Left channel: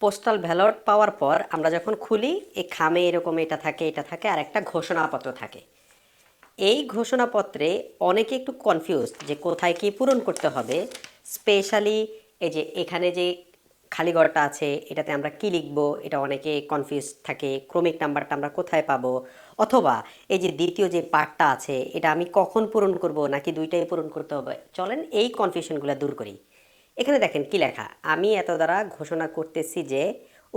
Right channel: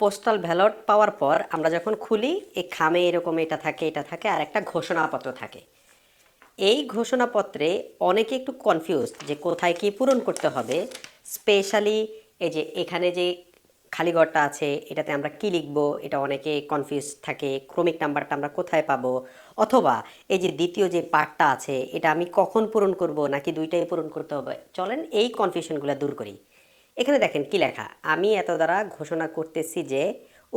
Postal ballot পাওয়ার পর আমরা যখন খুলি এই খামে এরকম এটা থাকে এটা থাকে, আর একটা ঘোষণাপত্র থাকে। এই ঘোষণাপত্রে অনেকে একটু কনফিউজ যে কোথায় কি পূরণ করতে হবে। স্পেশালি এই যে এখানে যে খালি ঘরটা আছে, এটাতে আমরা কি লিখব, এটা অনেকে কনফিউজ থাকে, ক্রমিক নাম্বারটা আমরা কোথায় পাবো? অথবা এই যে দ্বিতীয় যে পার্টটা আছে, এটা আমি কখন পূরণ করব, নাকি দুইটাই পূরণ করতে হবে? চলেন এই কনফিউশনগুলো দূর করি। এখানে দেখেন কি লেখা? আমি এত দ্বারা ঘোষণা করতেছি যে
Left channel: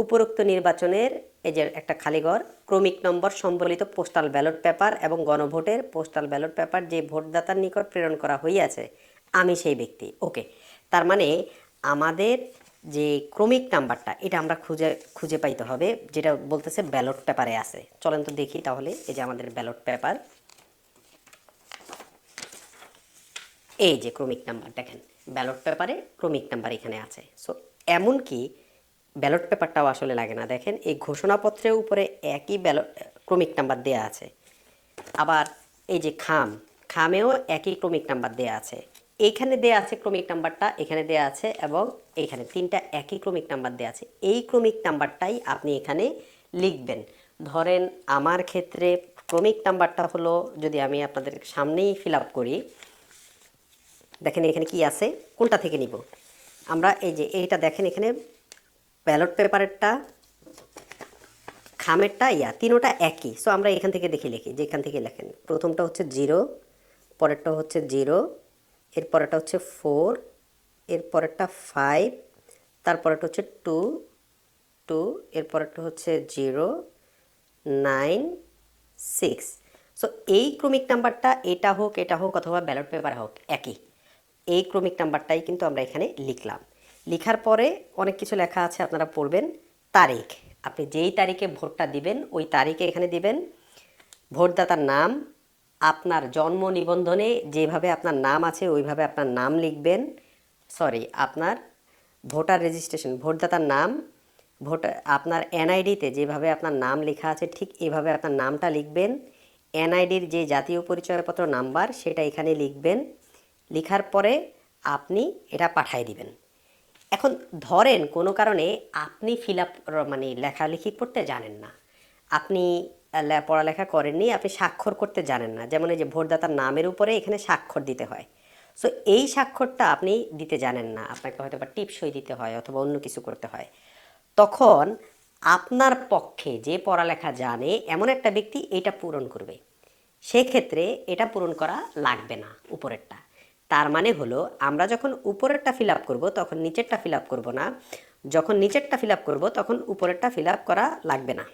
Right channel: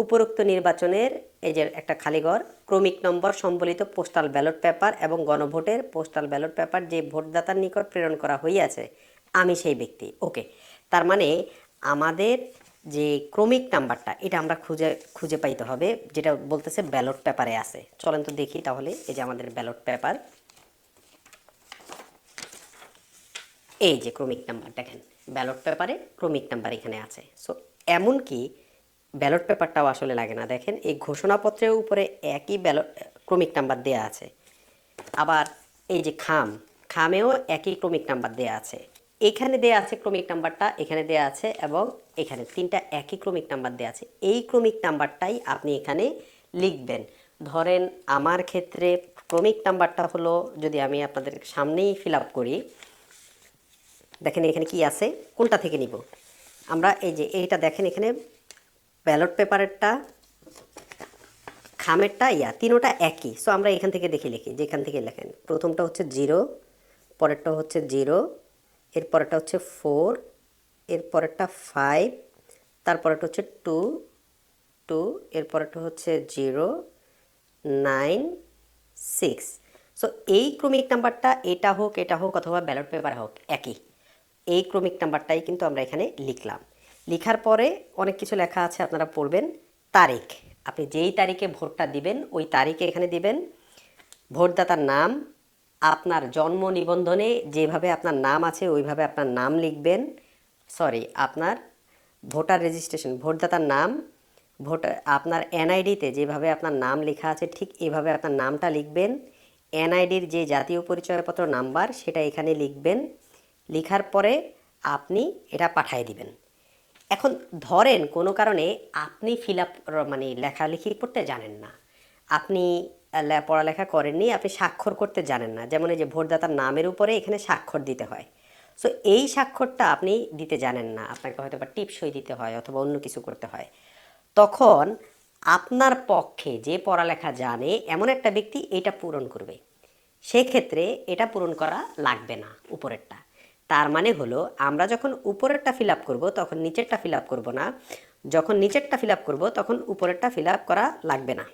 উপরোক্ত নির্বাচনের এই যে একটা খালি ঘর, ক্রমিক নম্বর সম্বলিত পোস্টাল ব্যালট পেপার এবং গণভোটের পোস্টাল ব্যালট পেপার যে ভোটদাতার নিকট প্রেরণ করা হইয়াছে, আমি সেই ব্যক্তি। ওকে, তার মানে আমাদের যে ক্রমিক নাম্বারটা, এটা আমরা খুঁজে খুঁজে পাইতে হবে, যেটা বলতেছে ব্যালট পেপারে আছে। চলেন তো দেখি তাহলে, এই যে আমাদের ব্যালট পেপার। এই যে ক্রমিক নাম্বার, দেখেন। ব্যালট পেপারে ক্রমিক নাম্বার এখানে আছে। সো এমনকি ব্যালট পেপারটাও আসলে লাগে না। দেখেন, এই ঘোষণাপত্রের উপরে একই ব্যালট, ক্রমিক নাম্বার দেয়া আছে। আবার এই যে খাম, খামেও একই ক্রমিক নাম্বার দেয়া আছে। এখানে দেয়া আছে ক্রমিক নাম্বারটা, এখানে দেয়া আছে, এবং এখানে তিনটা একই ক্রমিক নাম্বার দেয়া আছে। এই ক্রমিক নাম্বারটাই আপনি এখানে লিখবেন। ধরেন, আমার ক্ষেত্রে ক্রমিক নাম্বারটা হলো, যদি আমি আপনাদের সামনেই ফিল আপ করি দেখেন এখানে কি আছে? কোনটা থেকে নিব? আমরা এই যে এইটা দেখেন এখানে ব্যালট পেপারেরটা খামেরটা ইয়া, তিনোটা একই। সো আমরা এখান থেকে দেখে লিখি, যেখান থেকে লেখেন। প্রথমটা হচ্ছে জিরো, পরেরটা হচ্ছে জিরো এর পরেরটা হচ্ছে ফোর এর পরেরটা ফাইভ, তারপরেরটা হচ্ছে টু টু এর পরেরটা হচ্ছে জিরো, নাইন, সিক্স। সো এই ক্রমিক নাম্বারটা এটা হোক এটা হোক, অথবা ব্যালট পেপার হোক, একই। এই ক্রমিক নাম্বারটাই কিন্তু আমরা এখানে লিখলাম। লিখার পরে অনেক কিছু লেখা আছে, আপনারা পড়বেন। তারিখ। আপনি যেই তারিখে ভোটটা দিবেন, ওই তারিখে এখানে দিবেন। ভোটদাতার নাম, আপনার জন্ম নিবন্ধনে যেভাবে আপনার নাম আছে, ওইভাবে আপনার নাম লিখবেন। সরি আপনার ভোটার রেজিস্ট্রেশন ভোটদাতার নাম ভোটার আপনার এনআইডিতে যেভাবে আপনার নাম লেখা আছে, ঠিক এভাবে আপনার নামটা লিখবেন। এনআইডির যে জাতীয় পরিচয়পত্র নাম্বার, সেটা এখানে লিখবেন। লেখার পরে আপনি এটা পাঠিয়ে দিবেন। এখন ধরেন কোনো কারণে আপনি ফিল আপ মানে লেখালেখি করতে জানেন না। আপনি পড়ালেখা করেননি, আপনি স্বাক্ষর করতে জানেন না। যেমন এই যে ভোটদাতার নামের উপরে এখানে স্বাক্ষর দিতে হয়। সো এই স্বাক্ষরটা আপনি দিতে জানেন না। আপনাকে হয়তো বা টিপসই দিতে হয় অথবা অন্য কিছু করতে হয়। তখন আপনার পক্ষে যে পড়ালেখা জানে, এমন একটা ব্যক্তি এটা পূরণ করবে। সেক্ষেত্রে এটা পূরণ করা লাগবে না উপরেরটা। তার মানে হলো, আমরা যখন উপরেরটা ফিল আপ করব, তখন নিচেরটা ফিল আপ করব না। যখন নিচেরটা ফিল আপ করব, তখন উপরেরটা ফিল আপ করা লাগবে না।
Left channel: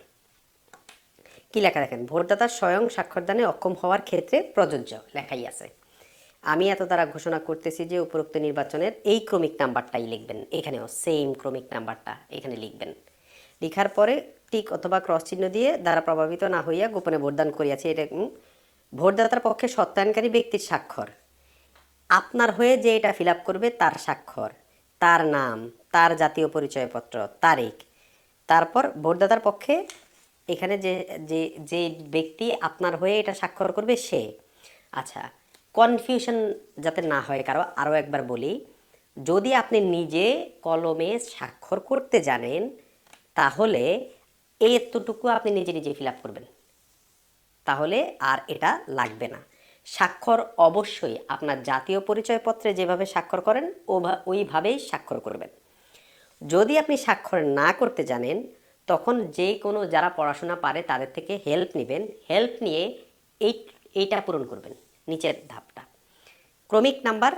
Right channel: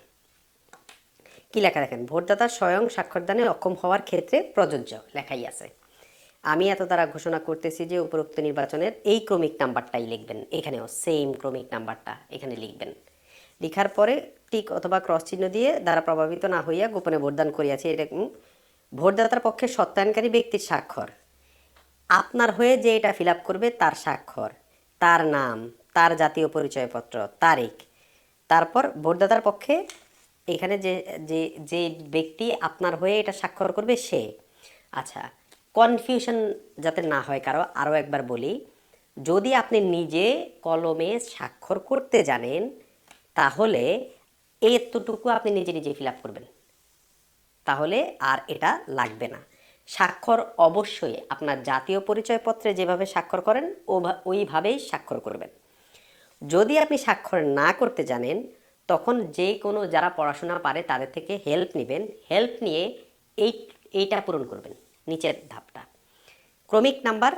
কি লেখা রাখেন ভোটদাতা স্বয়ং স্বাক্ষরদানে অক্ষম হওয়ার ক্ষেত্রে প্রযোজ্য লেখাই আছে। আমি এত দ্বারা ঘোষণা করতেছি যে উপরোক্ত নির্বাচনের এই ক্রমিক নাম্বারটাই লিখবেন। এখানেও সেম ক্রমিক নাম্বারটা এখানে লিখবেন। লেখার পরে টিক অথবা ক্রস চিহ্ন দিয়ে দ্বারা প্রভাবিত না হইয়া গোপনে ভোটদান করিয়াছি এরকম ভোটদাতার পক্ষে সত্যায়নকারী ব্যক্তির স্বাক্ষর। আপনার হয়ে যে এটা ফিল করবে তার স্বাক্ষর, তার নাম, তার জাতীয় পরিচয়পত্র, তারিখ। তারপর ভোটদাতার পক্ষে এখানে যে যে যে ব্যক্তি আপনার হয়ে এটা স্বাক্ষর করবে সে। আচ্ছা কনফিউশন যাতে না হয় কারও, আরও একবার বলি, যদি আপনি নিজে কলমে স্বাক্ষর করতে জানেন, তাহলে এতটুকু আপনি নিজে নিজে ফিল করবেন। তাহলে আর এটা লাগবে না। স্বাক্ষর অবশ্যই আপনার জাতীয় পরিচয়পত্রে যেভাবে স্বাক্ষর করেন ওইভাবেই স্বাক্ষর করবেন। যদি আপনি স্বাক্ষর না করতে জানেন, তখন যে কোনো যারা পড়াশোনা পারে তাদের থেকে হেল্প নেবেন। হেল্প নিয়ে এই, এইটা পূরণ করবেন, নিচের ধাপটা। ক্রমিক নাম্বার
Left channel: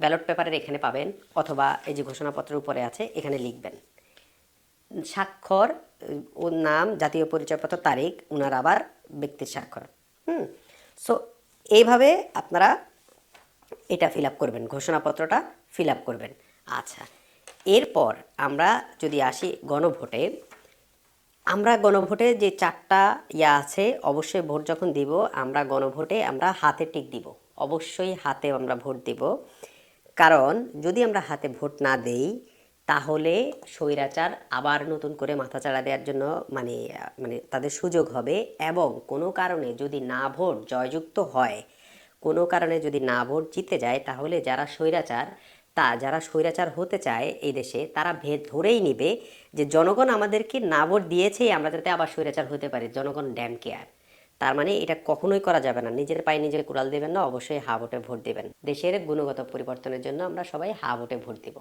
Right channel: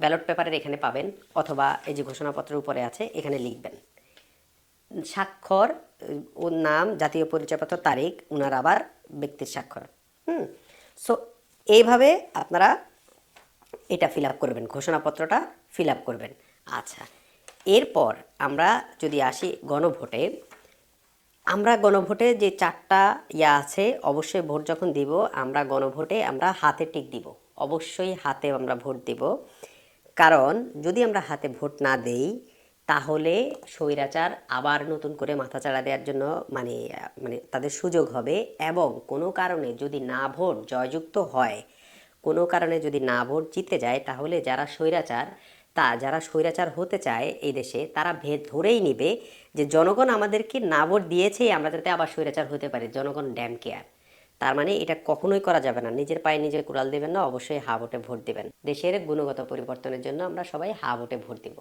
ব্যালট পেপারের এখানে পাবেন, অথবা এই যে ঘোষণাপত্রের উপরে আছে, এখানে লিখবেন। স্বাক্ষর ওর নাম, জাতীয় পরিচয়পত্র, তারিখ ওনার আবার ব্যক্তির স্বাক্ষরে। হুম? সো এইভাবে আপনারা এটা ফিল আপ করবেন, ঘোষণাপত্রটা ফিল আপ করবেন। আচ্ছা এরপর আমরা যদি আসি গণভোটে, আমরা গণভোটে যে চারটা ইয়া আছে, অবশ্যই ভোট যখন দিব, আমরা গণভোটে আমরা হাতে টিক দিব। অবশ্যই হাতে আমরা ভোট দেব। কারণ যদি আমরা হাতে ভোট না দেই তাহলে স্বৈরাচার আবার নতুন করে মাথাচাড়া দেওয়ার জন্য মানে মানে তাদের সুযোগ হবে এবং কোনো কারণে যদি না ভোট জয়যুক্ত হয়, কোনো কারণে যদি না ভোট জিতে যায়, তাহলে যারা স্বৈরাচার, তা যারা স্বৈরাচার হতে চায় এই দেশে, তারা ভেদ ধরেই নেবে যে জনগণ আমাদেরকে না ভোট দিয়েছে, আমরা যাতে আবার স্বৈরাচার হতে পারি। জনগণ ড্যাম কেয়ার। তার মানে এটা কখনোই করা যাবে না। নিজের পায়ে নিজের কুড়াল দেবেন না, অবশ্যই হা ভোটে দেবেন। দেশের গুণগত পরিবর্তনের জন্য আমরা সবাই হা ভোটে ভোট দেব।